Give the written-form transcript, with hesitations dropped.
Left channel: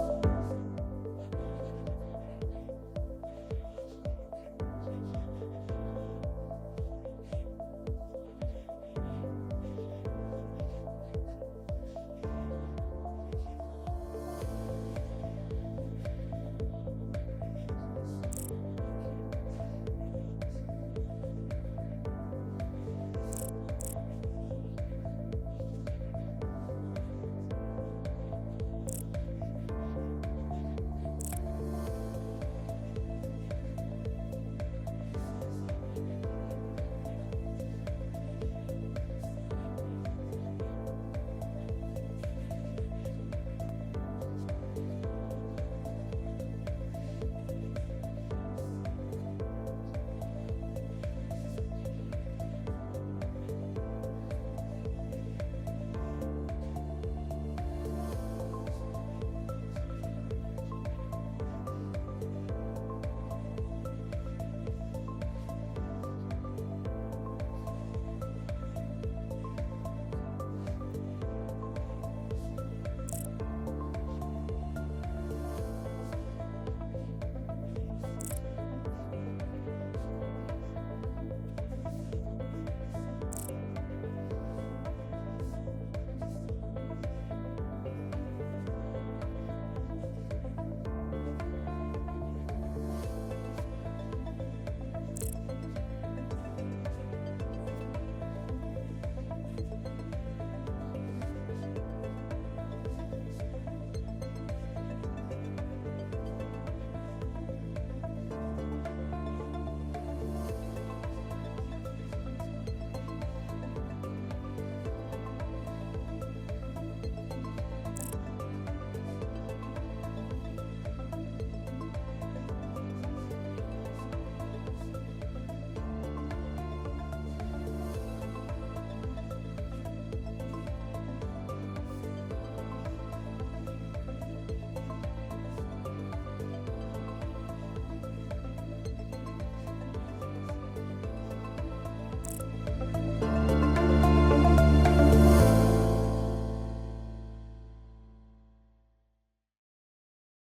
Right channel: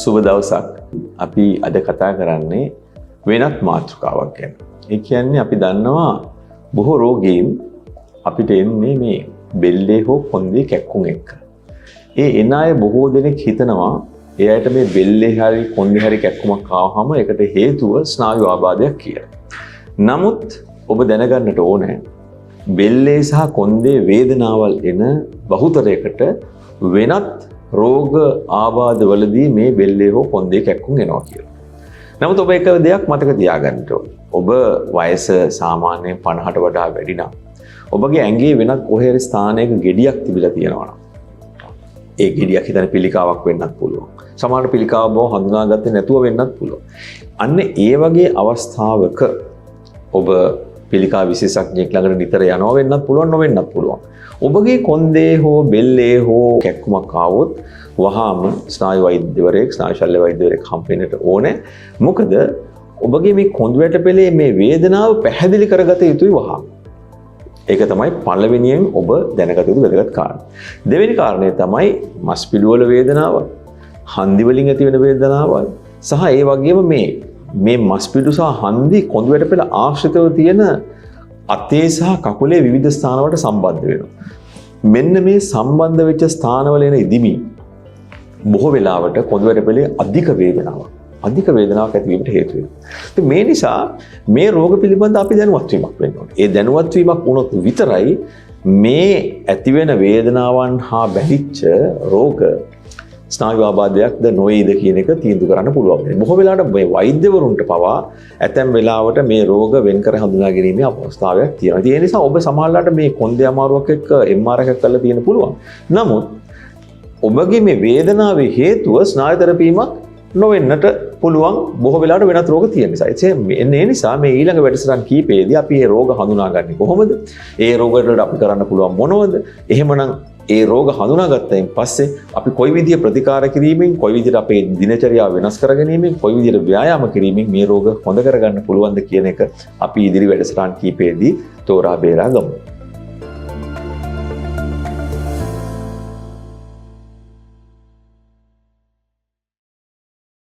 සුබ දවසක්. අපි අද කතා කරන්නේ වෙනත් මාතෘකාවක් ගැන. ඒ කියන්නේ අපි දන්නවා බොහෝ රෝගීන් අපිට එන්නේ මේ බෙල්ලේ හෝ කොන්දේ කැක්කුම් එක්ක. ඒ එන අය බොහෝ දෙනෙක් හිතනවා එයාට මේ බෙල්ලේ හරි කොන්දේ හරි කැක්කුමක් ආවම ඒකට හේතුව ස්නායු ආබාධයක් කියලා. නමුත් ඔබ දැනගන්නට ඕනේ බෙල්ලේ සහ කොන්දේ වේදනාවල් එන බහුතරයකට වෙනත් රෝග ආබාධවලදී මේ බෙල්ලේ හෝ කොන්දේ කැක්කුම් එනවා කියලා. නමුත් ඔබ එක දෙයක් මතක තියාගන්න ඕනේ. ඔබ වයස සාමාන්‍යයෙන් 50ට වඩා වැඩි නම් ඔබගේ ඇඟේ වෙනත් කොහේ හරි ස්ථානයක ගෙඩියක් තිබිලා තියෙනවා නම් ඒ ගෙඩියක් හිතන පිළිකාවක් වෙන්නත් පුළුවන්. සමහර පිළිකාව බව හඳුනාගත්තේ නැතුව වෙන්නත් පුළුවන්. අන්න ඒ වගේ අවස්ථාවක ඔබ පිළිකා විශේෂඥයෙක් ළඟට නිතර යනවා වෙන්නත් පුළුවන් නොවෙන්නත් පුළුවන්. ඔබගේ කොන්දේ හෝ බෙල්ලේ හෝ කැක්කුමක් ආවොත් වහාම ස්නායු වෛද්‍යවරයෙක් ස්නායු ශල්‍ය වෛද්‍යවරයෙක් හම්බෙන්නට ඕනේ. මොකද ඔබගේ මේ කොන්ද වැටපෙලේ මේ වේදනාව පැහැදිලි කරගත යුතුයි වහාම. ඒක තමයි පළවෙනියෙන් ඔබ දැනගත යුතු වැදගත් කාරණා. දෙවෙනි කාරණය තමයි මස් පිඩුවල වේදනාව, හන්දි වලින් ඇති වෙන වේදනාව සහ ඒ වගේම මේ මස් පිඩු සහ හන්දි කොන්ද වැටපෙල ආශ්‍රිතව තියෙන අතේ සහ කකුලේ විවිධ ස්ථානවලට සම්බන්ධ වෙනවා. මෙන්න මේ සම්බන්ධ වෙච්ච ස්ථානවල එන ඉදිමි බොහෝ වෙලාවට කොන්ද වැටපෙලේ අධික වේදනාවක් ඇතිවීමට හේතු වෙනවා. මේ නිසා මේ රෝග පිළිබඳ අපි දැනුවත් වීමක් වෙන්න ඕනේ. ඒ දැනුවත් වීමක් වුණොත් විතරයි මේ ඇතිවෙන වේදනාවන් හා බැඳිච්ච රෝග ස්නායු ආබාධයක්ද නොවේද කියන එක තීන්දුව කරන්න පුළුවන්. බොහෝ වෙලාවට මේ වෛද්‍යවරුන්ට පවා ඇතැම් වෙලාවට මේ රෝග වෙන් කර හඳුනා ගැනීමේ අවස්ථාවක් තියෙනවා. ඒ නිසා ඔබ සමහරවිට මේ කොන්දේ අමාරුවක් එක්ක MRI එකක් කරලා තියෙන පුළුවන්. නමුත් ඔබගේ මේ වේදනාවේ හේතුව ස්නායු තෙරපීමක් නොවෙන්නට පුළුවන්. බොහෝ වෙලාවට වෙනත් රෝග තියෙන නිසා. ඒ නිසා මේ ඊළඟ වැඩසටහන් කීපෙදී අපි මේ රෝග හඳුනාගන්නේ කොහොමද? ඒ රෝග වලට අපි කරන්න පුළුවන් මොනවද? එහෙමනම් ඒ රෝග හඳුනාගත්තයින් පස්සේ අපි කොයි විදිය ප්‍රතිකාර කිරීමෙන්, කොයි විදියට අපේ දිනචරියාව වෙනස් කර ගැනීමෙන්, කොයි විදියට ව්‍යායාම කිරීමෙන් මේ රෝග හොඳ කරගන්න පුළුවන්ද කියන එක අපි ඉදිරි වැඩසටහන් කීපෙදී තෝරා බේරා ගමු.